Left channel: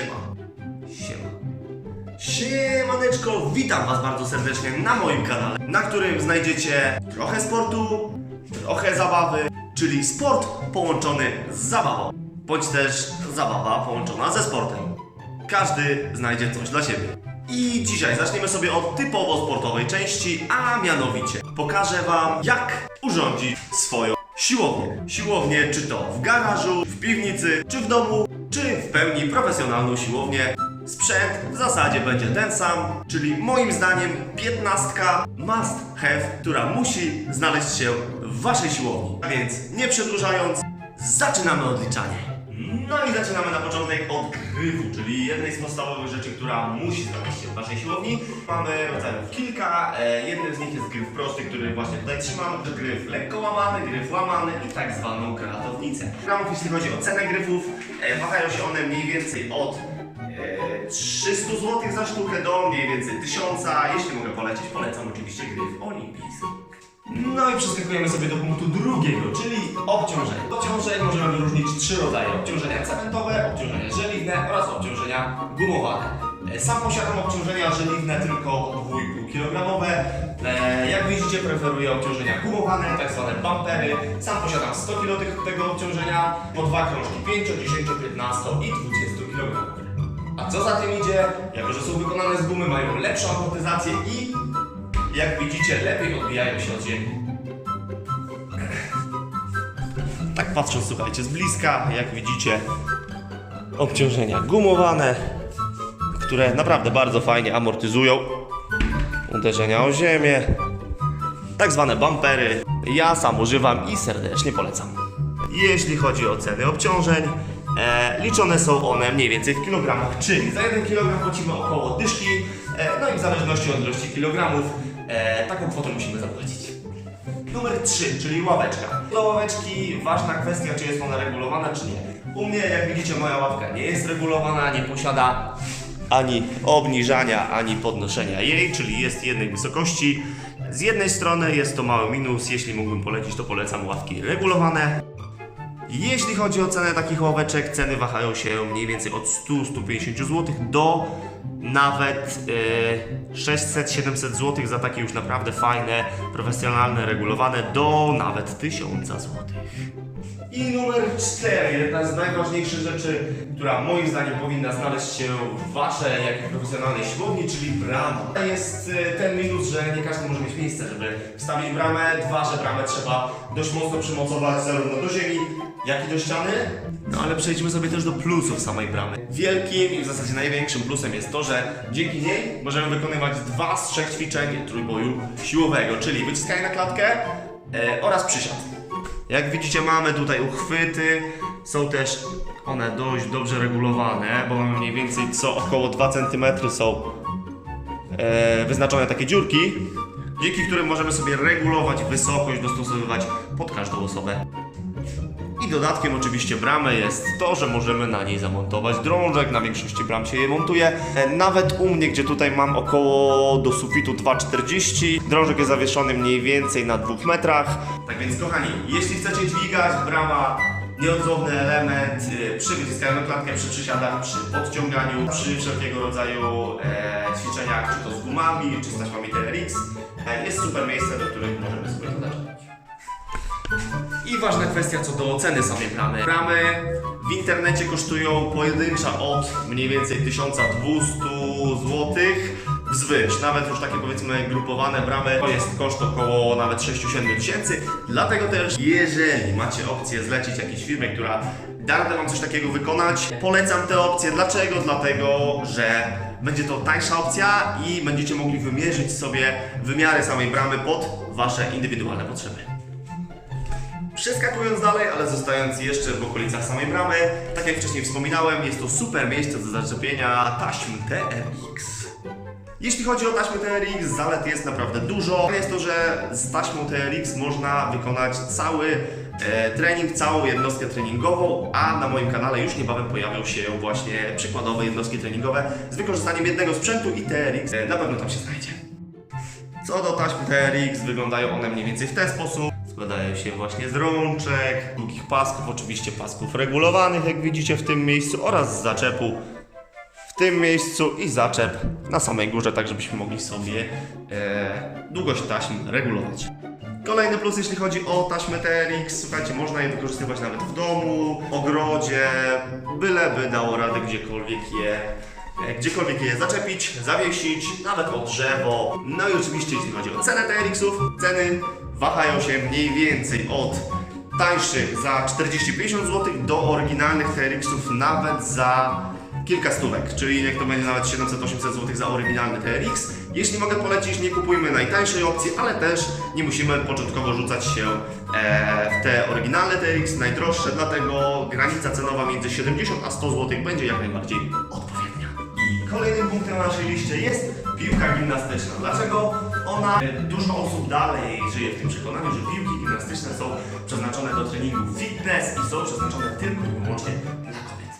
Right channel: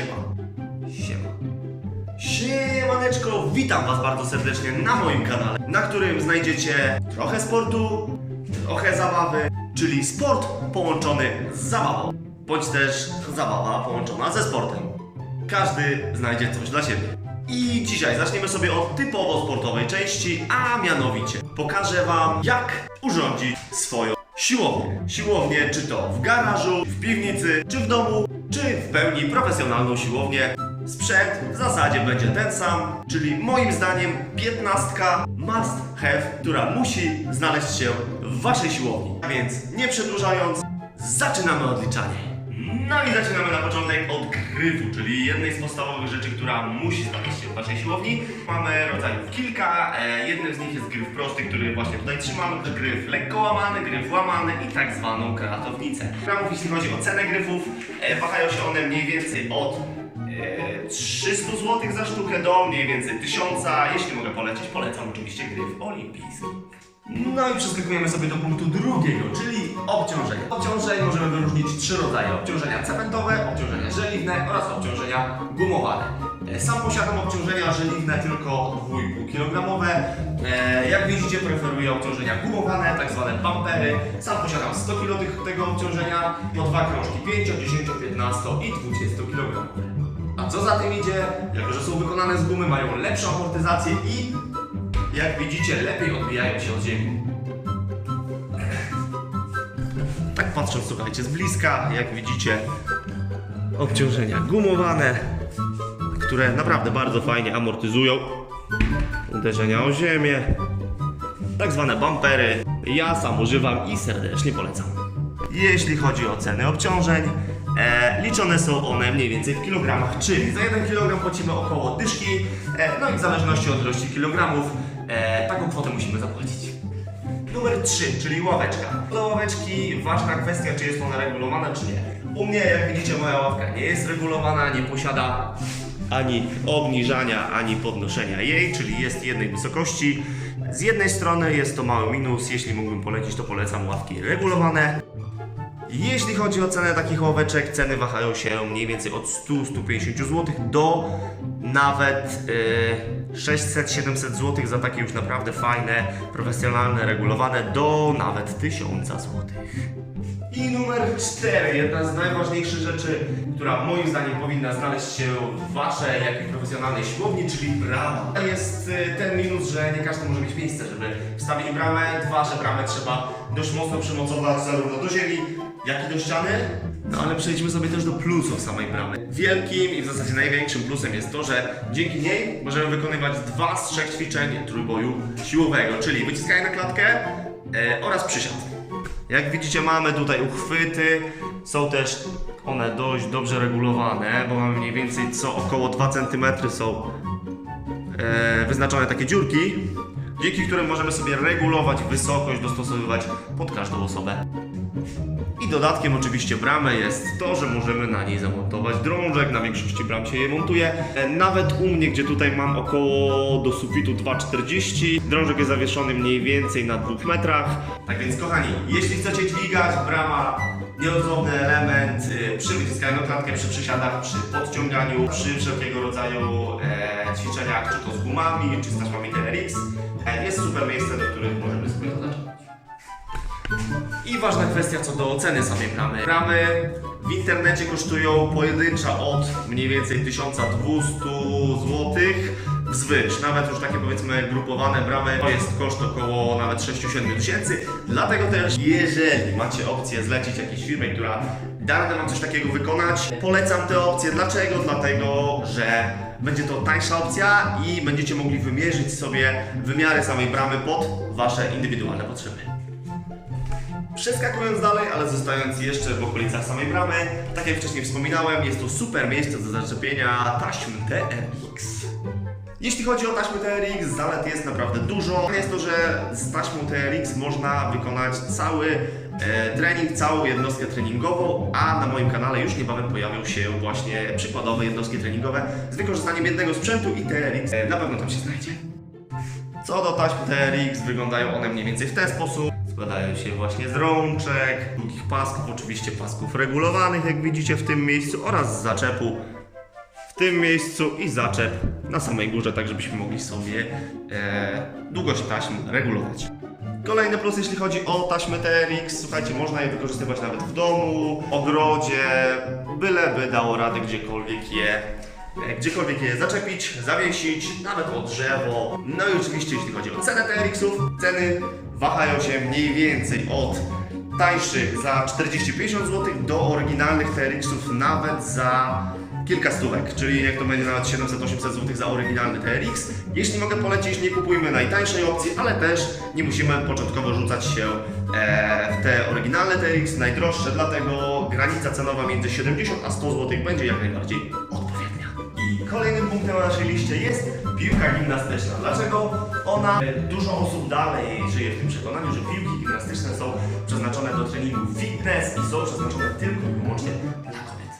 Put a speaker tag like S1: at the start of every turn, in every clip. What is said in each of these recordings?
S1: Siema. Siema. Siemaneczko, witam Was bardzo serdecznie na moim kanale, na którym znajdziecie trochę sportu, trochę zabawy, czyli sport połączony z zabawą, bądź też zabawa połączona ze sportem. Każdy znajdzie coś dla siebie. I dzisiaj zaczniemy sobie od typowo sportowej części, a mianowicie pokażę Wam, jak urządzić swoją siłownię. Siłownię czy to w garażu, w piwnicy, czy w domu, czy w pełni profesjonalną siłownię. Sprzęt w zasadzie będzie ten sam, czyli moim zdaniem 15 must have, która musi znaleźć się w Waszej siłowni. A więc nie przedłużając, zaczynamy odliczanie. No i zaczynamy na początek od gryfu, czyli jednej z podstawowych rzeczy, która musi znaleźć się w Waszej siłowni. Mamy rodzajów kilka, e, jednym z nich jest gryf prosty, który właśnie tutaj trzymam, gryf lekko łamany, gryf łamany i tak zwaną kratownicę. Gramów, jeśli chodzi o cenę gryfów, e, wahają się one mniej więcej od e, 300 zł za sztukę do mniej więcej 1000. Jeśli mogę polecić, polecam oczywiście gryf olimpijski. No i przeskakujemy sobie do punktu drugiego, czyli obciążeń. Obciążeń możemy wyróżnić trzy rodzaje. Obciążenia cementowe, obciążenia żeliwne oraz obciążenia gumowane. E, Sam posiadam obciążenia żeliwne tylko 2,5 kg. E, Jak widzicie preferuję obciążenia gumowane, tak zwane bumpery. Sam posiadam 100 kg tego obciążenia, po dwa krążki 5, 10, 15 i 20 kg. A co za tym idzie, jako że są wykonane z gumy, mają lepszą amortyzację i jak widzicie, lepiej odbijają się od ziemi. Tak patrząc, słuchajcie, z bliska, jak widzicie, obciążenia gumowane, które naprawdę bardzo fajnie amortyzują uderzenia o ziemię. Tak zwane bumpery. Ja sam używam i serdecznie polecam. Jeśli chodzi o ceny obciążeń, e, liczone są one mniej więcej w kilogramach, czyli za 1 kg płacimy około dyszki, e, no i w zależności od ilości kilogramów e, taką kwotę musimy zapłacić. Numer 3, czyli ławeczka. Do ławeczki ważna kwestia, czy jest ona regulowana, czy nie. U mnie, jak widzicie, moja ławka nie jest regulowana, nie posiada ani obniżania, ani podnoszenia jej, czyli jest jednej wysokości. Z jednej strony jest to mały minus, jeśli mógłbym polecić, to polecam ławki regulowane. Jeśli chodzi o cenę takich ławeczek, ceny wahają się mniej więcej od 100-150 zł do nawet yy, 600-700 zł za takie już naprawdę fajne, profesjonalne, regulowane do nawet 1000 zł. I numer 4, jedna z najważniejszych rzeczy, która moim zdaniem powinna znaleźć się w waszej, jak i profesjonalnej siłowni, czyli brama. Jest y, ten minus, że nie każdy może mieć miejsce, żeby wstawić bramę. Dwa, że bramę trzeba dość mocno przymocować zarówno do ziemi, jak i do ściany. No ale przejdźmy sobie też do plusów samej bramy. Wielkim i w zasadzie największym plusem jest to, że dzięki niej możemy wykonywać dwa z trzech ćwiczeń trójboju siłowego, czyli wyciskanie na klatkę e, oraz przysiad. Jak widzicie mamy tutaj uchwyty, są też one dość dobrze regulowane, bo mamy mniej więcej co około 2 cm są e, wyznaczone takie dziurki, dzięki którym możemy sobie regulować wysokość, dostosowywać pod każdą osobę. Dodatkiem oczywiście bramy jest to, że możemy na niej zamontować drążek, na większości bram się je montuje. E, Nawet u mnie, gdzie tutaj mam około do sufitu 2,40, drążek jest zawieszony mniej więcej na 2 metrach. Tak więc kochani, jeśli chcecie dźwigać, brama nieodzowny element y, przy wyciskaniu klatkę, przy przysiadach, przy podciąganiu, przy wszelkiego rodzaju e, ćwiczeniach, czy to z gumami, czy z taśmami TRX. E, jest super miejsce, do których możemy sobie to zacząć. I ważna kwestia co do ceny samej bramy. Bramy w internecie kosztują pojedyncza od mniej więcej 1200 zł wzwyż. Nawet już takie powiedzmy grupowane bramy to jest koszt około nawet 6-7 tysięcy. Dlatego też jeżeli macie opcję zlecić jakiejś firmie, która da radę wam coś takiego wykonać, polecam tę opcję. Dlaczego? Dlatego, że będzie to tańsza opcja i będziecie mogli wymierzyć sobie wymiary samej bramy pod wasze indywidualne potrzeby. Przeskakując dalej, ale zostając jeszcze w okolicach samej bramy, tak jak wcześniej wspominałem, jest to super miejsce do zaczepienia taśm TRX. Jeśli chodzi o taśmy TRX, zalet jest naprawdę dużo. Jest to, że z taśmą TRX można wykonać cały e, trening, całą jednostkę treningową, a na moim kanale już niebawem pojawią się właśnie przykładowe jednostki treningowe z wykorzystaniem jednego sprzętu i TRX e, na pewno tam się znajdzie. Co do taśm TRX, wyglądają one mniej więcej w ten sposób. Składają się właśnie z rączek, długich pasków, oczywiście pasków regulowanych, jak widzicie w tym miejscu, oraz z zaczepu tym miejscu i zaczep na samej górze, tak żebyśmy mogli sobie e, długość taśm regulować. Kolejny plus, jeśli chodzi o taśmy TRX, słuchajcie, można je wykorzystywać nawet w domu, ogrodzie, byleby dało radę gdziekolwiek je, e, gdziekolwiek je zaczepić, zawiesić, nawet o drzewo. No i oczywiście, jeśli chodzi o cenę TRX-ów, ceny wahają się mniej więcej od tańszych za 40-50 zł do oryginalnych TRX-ów nawet za kilka stówek, czyli jak to będzie nawet 700-800 zł za oryginalny TRX. Jeśli mogę polecić, nie kupujmy najtańszej opcji, ale też nie musimy początkowo rzucać się e, w te oryginalne TRX, najdroższe, dlatego granica cenowa między 70 a 100 zł będzie jak najbardziej odpowiednia. I kolejnym punktem na naszej liście jest piłka gimnastyczna. Dlaczego ona? Dużo osób dalej żyje w tym przekonaniu, że piłki gimnastyczne są przeznaczone do treningu fitness i są przeznaczone tylko i wyłącznie dla kobiet.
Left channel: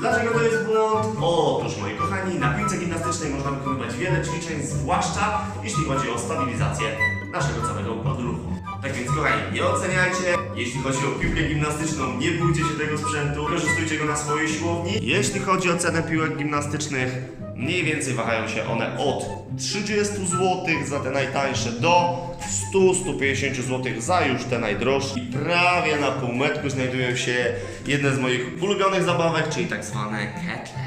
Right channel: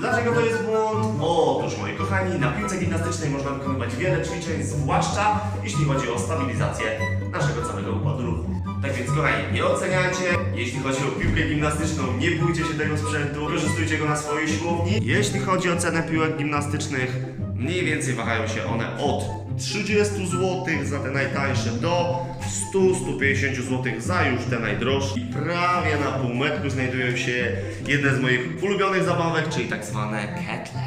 S1: Dlaczego to jest błąd? Otóż, moi kochani, na piłce gimnastycznej można wykonywać wiele ćwiczeń, zwłaszcza jeśli chodzi o stabilizację naszego całego układu ruchu. Tak więc, kochani, nie oceniajcie. Jeśli chodzi o piłkę gimnastyczną, nie bójcie się tego sprzętu, korzystujcie go na swojej siłowni. Jeśli chodzi o cenę piłek gimnastycznych, mniej więcej wahają się one od 30 zł za te najtańsze do 100-150 zł za już te najdroższe. I prawie na półmetku znajdują się jedne z moich ulubionych zabawek, czyli tak zwane ketle.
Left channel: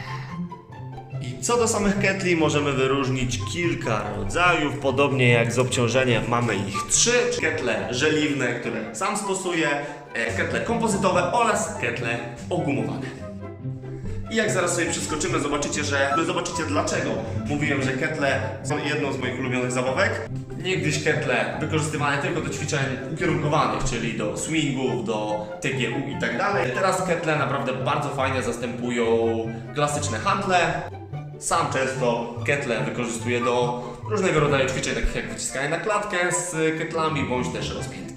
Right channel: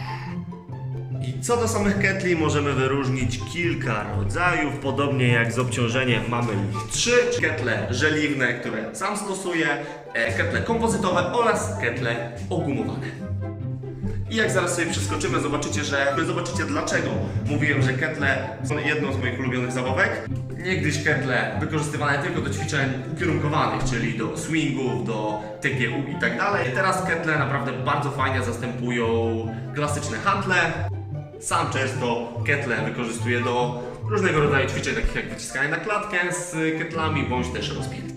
S1: I co do samych ketli możemy wyróżnić kilka rodzajów, podobnie jak z obciążeniem mamy ich trzy. Ketle żeliwne, które sam stosuję, e, ketle kompozytowe oraz ketle ogumowane. I jak zaraz sobie przeskoczymy, zobaczycie, że zobaczycie dlaczego. Mówiłem, że ketle są jedną z moich ulubionych zabawek. Niegdyś ketle wykorzystywane tylko do ćwiczeń ukierunkowanych, czyli do swingów, do TGU i tak dalej. Teraz ketle naprawdę bardzo fajnie zastępują klasyczne handle. Sam często ketle wykorzystuję do różnego rodzaju ćwiczeń, takich jak wyciskanie na klatkę z ketlami, bądź też rozpiętki.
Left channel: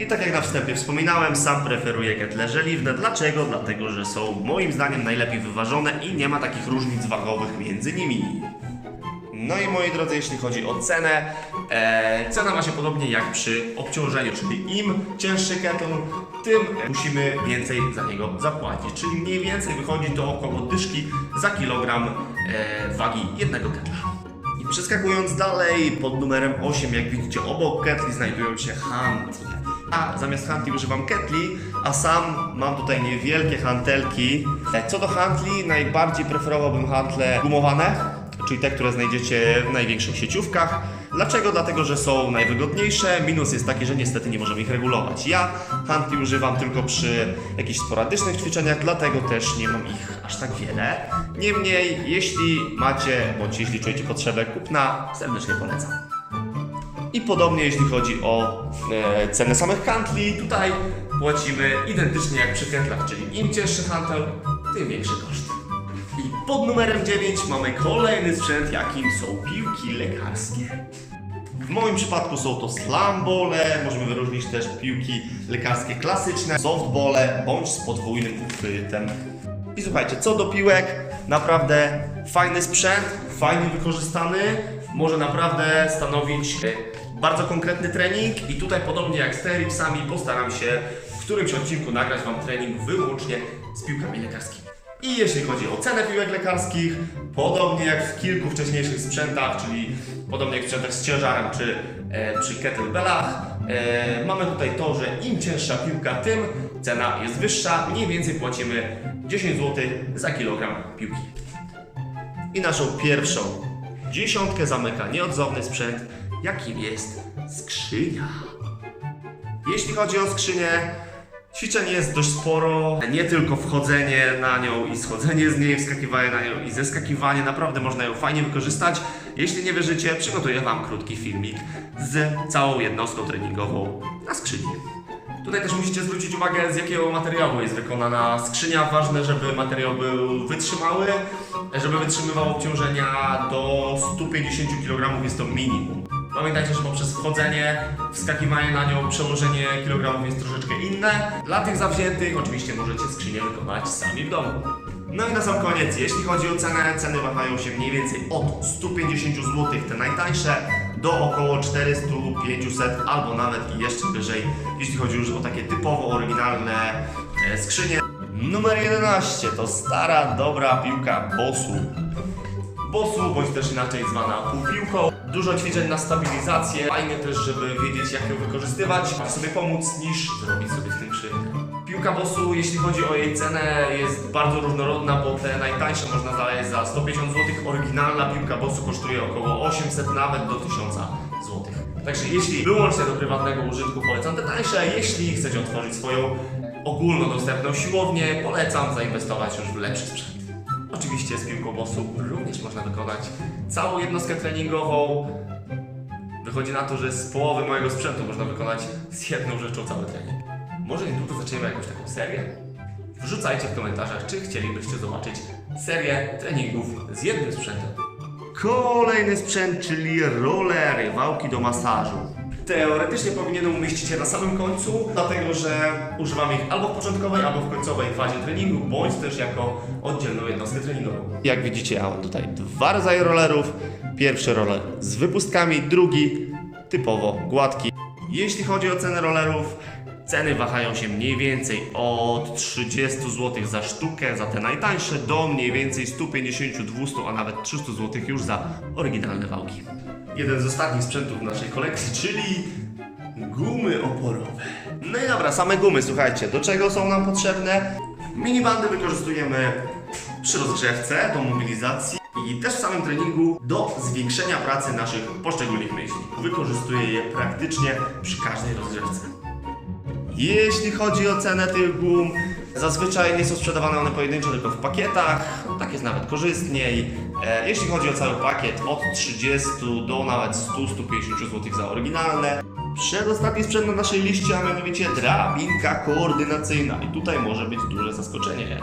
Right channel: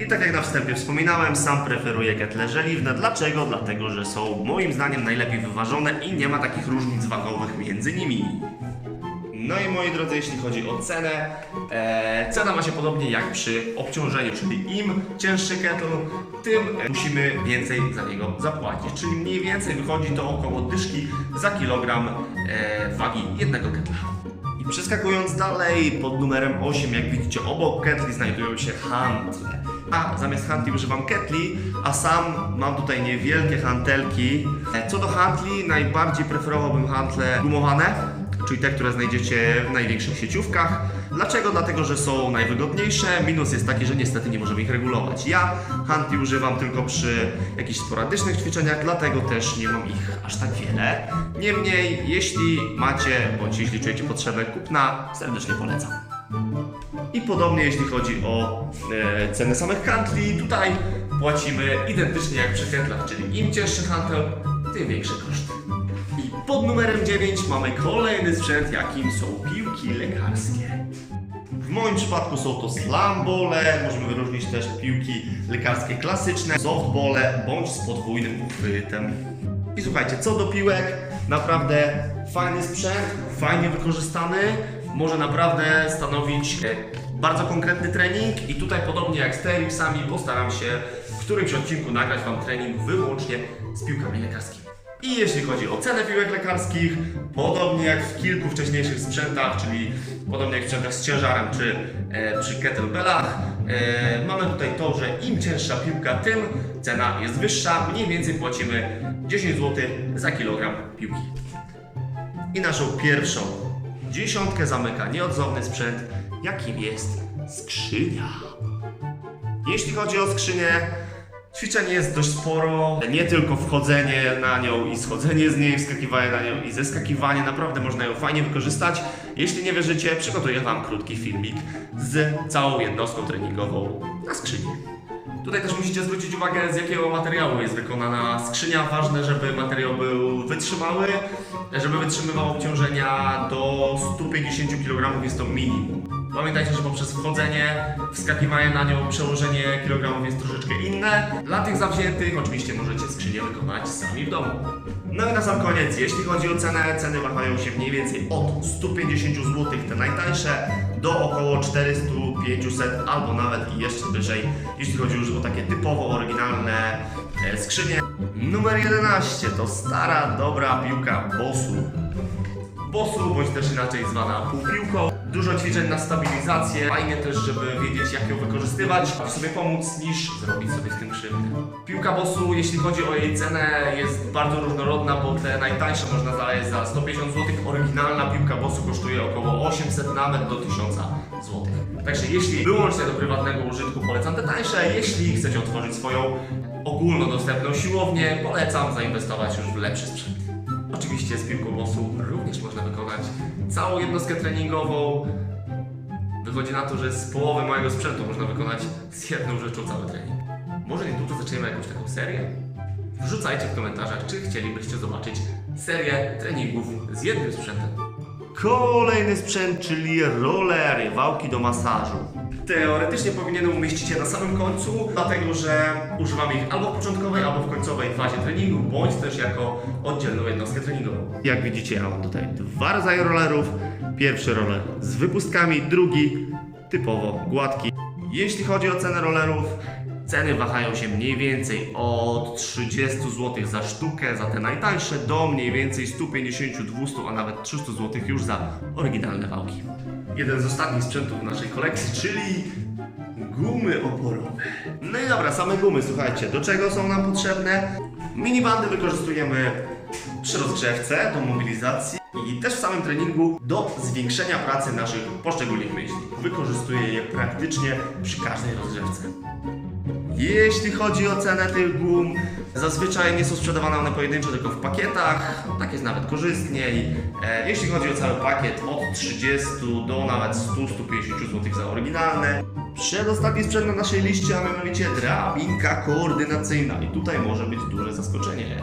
S1: I tak jak na wstępie wspominałem, sam preferuję ketle żeliwne. Dlaczego? Dlatego, że są moim zdaniem najlepiej wyważone i nie ma takich różnic wagowych między nimi. No i moi drodzy, jeśli chodzi o cenę, e, cena ma się podobnie jak przy obciążeniu, czyli im cięższy kettle, tym musimy więcej za niego zapłacić. Czyli mniej więcej wychodzi to około dyszki za kilogram e, wagi jednego ketla. I przeskakując dalej, pod numerem 8, jak widzicie, obok ketli znajdują się hantle. A zamiast hantli używam ketli, a sam mam tutaj niewielkie hantelki. Co do hantli, najbardziej preferowałbym hantle gumowane, czyli te, które znajdziecie w największych sieciówkach. Dlaczego? Dlatego, że są najwygodniejsze. Minus jest taki, że niestety nie możemy ich regulować. Ja hantli używam tylko przy jakichś sporadycznych ćwiczeniach, dlatego też nie mam ich aż tak wiele. Niemniej, jeśli macie, bądź jeśli czujecie potrzebę kupna, serdecznie polecam. Podobnie jeśli chodzi o e, ceny samych hantli, tutaj płacimy identycznie jak przy ketlach, czyli im cięższy hantel, tym większy koszt. I pod numerem 9 mamy kolejny sprzęt, jakim są piłki lekarskie. W moim przypadku są to slambole, możemy wyróżnić też piłki lekarskie klasyczne, softbole bądź z podwójnym uchwytem. I słuchajcie, co do piłek, naprawdę fajny sprzęt, fajnie wykorzystany, może naprawdę stanowić e, bardzo konkretny trening i tutaj podobnie jak z TRX-ami postaram się w którymś odcinku nagrać Wam trening wyłącznie z piłkami lekarskimi. I jeśli chodzi o cenę piłek lekarskich, podobnie jak w kilku wcześniejszych sprzętach, czyli podobnie jak w sprzętach z ciężarem czy e, przy kettlebellach, e, mamy tutaj to, że im cięższa piłka, tym cena jest wyższa. Mniej więcej płacimy 10 zł za kilogram piłki. I naszą pierwszą dziesiątkę zamyka nieodzowny sprzęt, jakim jest skrzynia. Jeśli chodzi o skrzynię, ćwiczeń jest dość sporo. Nie tylko wchodzenie na nią i schodzenie z niej, wskakiwanie na nią i zeskakiwanie. Naprawdę można ją fajnie wykorzystać. Jeśli nie wierzycie, przygotuję Wam krótki filmik z całą jednostką treningową na skrzyni. Tutaj też musicie zwrócić uwagę, z jakiego materiału jest wykonana skrzynia. Ważne, żeby materiał był wytrzymały, żeby wytrzymywał obciążenia do 150 kg jest to minimum. Pamiętajcie, że poprzez wchodzenie, wskakiwanie na nią, przełożenie kilogramów jest troszeczkę inne. Dla tych zawziętych oczywiście możecie skrzynię wykonać sami w domu. No i na sam koniec, jeśli chodzi o cenę, ceny wahają się mniej więcej od 150 zł, te najtańsze, do około 400, 500 albo nawet i jeszcze wyżej, jeśli chodzi już o takie typowo oryginalne e, skrzynie. Numer 11 to stara, dobra piłka Bosu. Bosu, bądź też inaczej zwana półpiłką. Dużo ćwiczeń na stabilizację. Fajnie też, żeby wiedzieć jak ją wykorzystywać, by sobie pomóc, niż zrobić sobie z tym krzywdę. Piłka Bosu, jeśli chodzi o jej cenę, jest bardzo różnorodna, bo te najtańsze można znaleźć za 150 zł. Oryginalna piłka Bosu kosztuje około 800 nawet do 1000 zł. Także jeśli wyłącznie do prywatnego użytku polecam te tańsze, jeśli chcecie otworzyć swoją ogólnodostępną siłownię, polecam zainwestować już w lepszy sprzęt. Oczywiście z piłką bosu również można wykonać całą jednostkę treningową. Wychodzi na to, że z połowy mojego sprzętu można wykonać z jedną rzeczą cały trening. Może niedługo zaczniemy jakąś taką serię? Wrzucajcie w komentarzach, czy chcielibyście zobaczyć serię treningów z jednym sprzętem. Kolejny sprzęt, czyli rollery, wałki do masażu. Teoretycznie powinienem umieścić je na samym końcu, dlatego że używam ich albo w początkowej, albo w końcowej fazie treningu, bądź też jako oddzielną jednostkę treningową. Jak widzicie, ja mam tutaj dwa rodzaje rollerów. Pierwszy roller z wypustkami, drugi typowo gładki. Jeśli chodzi o cenę rollerów, ceny wahają się mniej więcej od 30 zł za sztukę, za te najtańsze, do mniej więcej 150, 200, a nawet 300 zł już za oryginalne wałki. Jeden z ostatnich sprzętów w naszej kolekcji, czyli gumy oporowe. No i dobra, same gumy, słuchajcie, do czego są nam potrzebne? Minibandy wykorzystujemy przy rozgrzewce do mobilizacji i też w samym treningu do zwiększenia pracy naszych poszczególnych myśli. Wykorzystuję je praktycznie przy każdej rozgrzewce. Jeśli chodzi o cenę tych gum, zazwyczaj nie są sprzedawane one pojedynczo, tylko w pakietach. Tak jest nawet korzystniej. E, jeśli chodzi o cały pakiet, od 30 do nawet 100-150 zł za oryginalne. Przedostatni sprzęt na naszej liście, a mianowicie drabinka koordynacyjna. I tutaj może być duże zaskoczenie.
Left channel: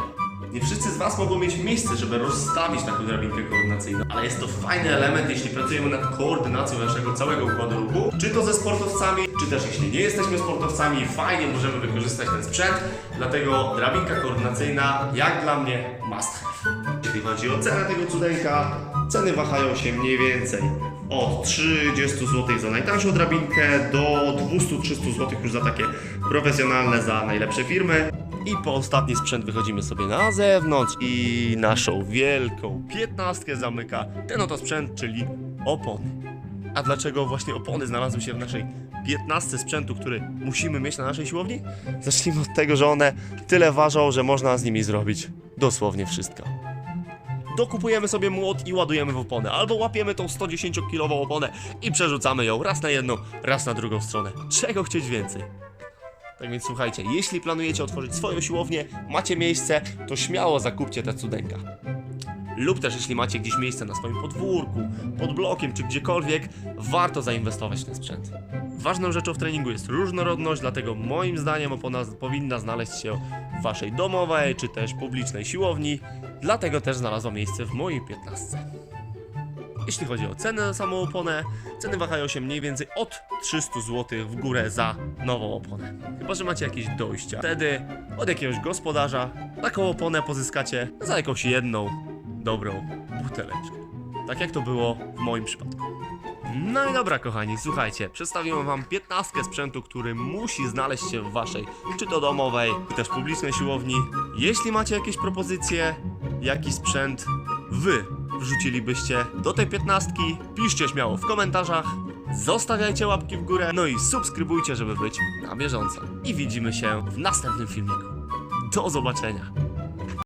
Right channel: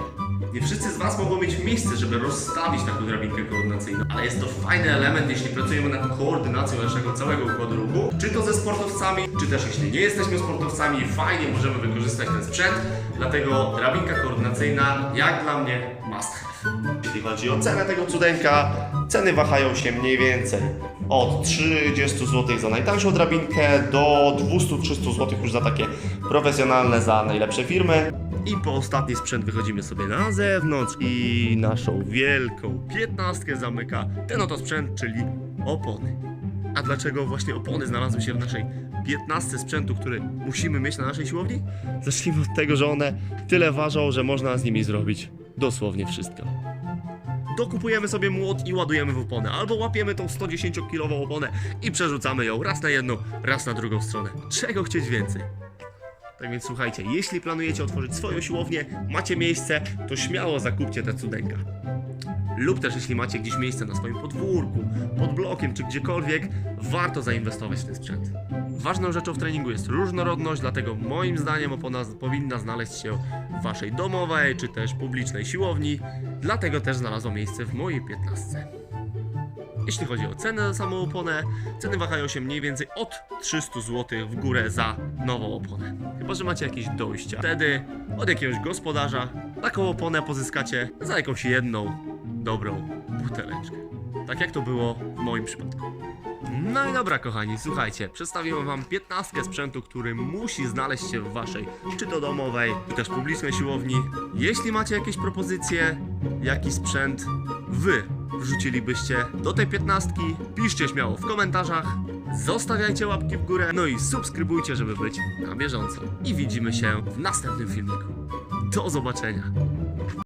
S1: Nie wszyscy z Was mogą mieć miejsce, żeby rozstawić taką drabinkę koordynacyjną, ale jest to fajny element, jeśli pracujemy nad koordynacją naszego całego układu ruchu, czy to ze sportowcami, czy też jeśli nie jesteśmy sportowcami, fajnie możemy wykorzystać ten sprzęt, dlatego drabinka koordynacyjna, jak dla mnie, must have. Jeśli chodzi o cenę tego cudeńka, ceny wahają się mniej więcej od 30 zł za najtańszą drabinkę do 200-300 zł już za takie profesjonalne, za najlepsze firmy. I po ostatni sprzęt wychodzimy sobie na zewnątrz i naszą wielką piętnastkę zamyka ten oto sprzęt, czyli opony. A dlaczego właśnie opony znalazły się w naszej 15 sprzętu, który musimy mieć na naszej siłowni? Zacznijmy od tego, że one tyle ważą, że można z nimi zrobić dosłownie wszystko. Dokupujemy sobie młot i ładujemy w oponę, albo łapiemy tą 110-kilową oponę i przerzucamy ją raz na jedną, raz na drugą stronę. Czego chcieć więcej? Tak więc słuchajcie, jeśli planujecie otworzyć swoją siłownię, macie miejsce, to śmiało zakupcie te cudeńka. Lub też jeśli macie gdzieś miejsce na swoim podwórku, pod blokiem czy gdziekolwiek, warto zainwestować w ten sprzęt. Ważną rzeczą w treningu jest różnorodność, dlatego moim zdaniem opona powinna znaleźć się w waszej domowej czy też publicznej siłowni, dlatego też znalazła miejsce w mojej 15. Jeśli chodzi o cenę za samą oponę, ceny wahają się mniej więcej od 300 zł w górę za nową oponę. Chyba, że macie jakieś dojścia. Wtedy od jakiegoś gospodarza taką oponę pozyskacie za jakąś jedną dobrą buteleczkę. Tak jak to było w moim przypadku. No i dobra, kochani, słuchajcie, przedstawiłem wam 15 sprzętu, który musi znaleźć się w waszej, czy to domowej, czy też publicznej siłowni. Jeśli macie jakieś propozycje, jaki sprzęt wy wrzucilibyście do tej 15, piszcie śmiało w komentarzach, zostawiajcie łapki w górę, no i subskrybujcie, żeby być na bieżąco. I widzimy się w następnym filmiku. Do zobaczenia.